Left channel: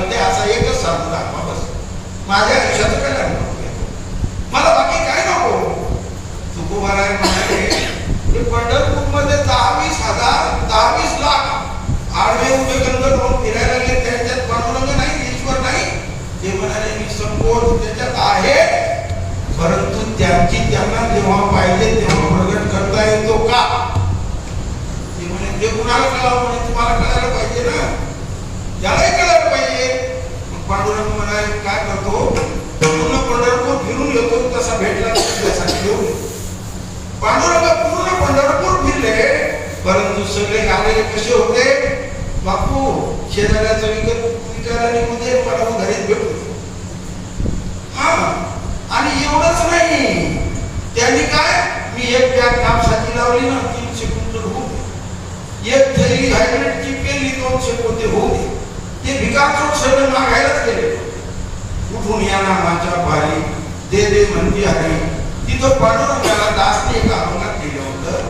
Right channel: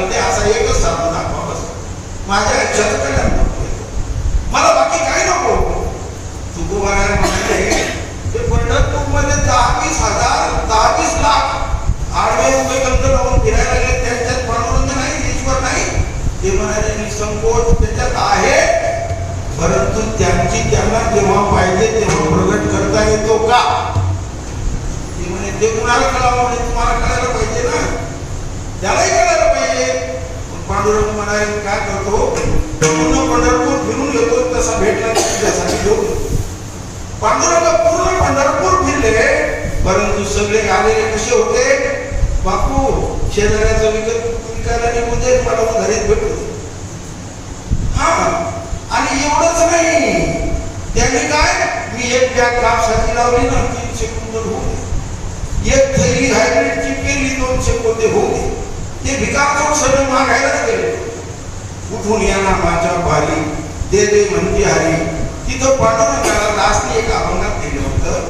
करते असा एकच साधू दाखवा बस. माझ्या आयुष्याचं कल्याण नको, मला बाकी काही नको. तुकोबाराय म्हणाले की पंढरपूरमध्ये 10-20 लाख आडवे उभे ग्रंथ लावून फिरायला लागले, त्यांच्यात पांडुरंग नाही, ईश्वर नाही. ते म्हणाले निसंकोच त्याच्यात आहे, परंतु त्यांना जेव्हा पाहिजे तेव्हा प्रगट करता येतो का? ते म्हणे ते कुणाला कळावं, म्हणे तुम्हाला कळायला पाहिजे ना, त्यालाही कळायला पाहिजे. पांडुरंग म्हणाले काय करतो, पूर्ण पंढरपूर फिरून येतो, तसा भेटला त्यासाठी घेऊन. पांडुरंग पूर्ण पंढरपूर फिरले, परंतु सगळे आलेले कसे होते, बापू शेजाऱ्याचं विकायला निघून दे, मला घरीच भेटू. हा, आणि एवढंच नाही, त्यांनी काय, मी एक बॅग कापसाची लावली ना 3 सेकंद होऊ दे, एक थैली हायब्रिडची पेरली 2 सेकंद होऊ दे. ते भिकार चौक सगळे मागायलाच गेले. उठून या नामाच्या भारी दे दे म्हणती हरी. तिथं पांडुरंगाला दासने एका अभंगात केलं होतं.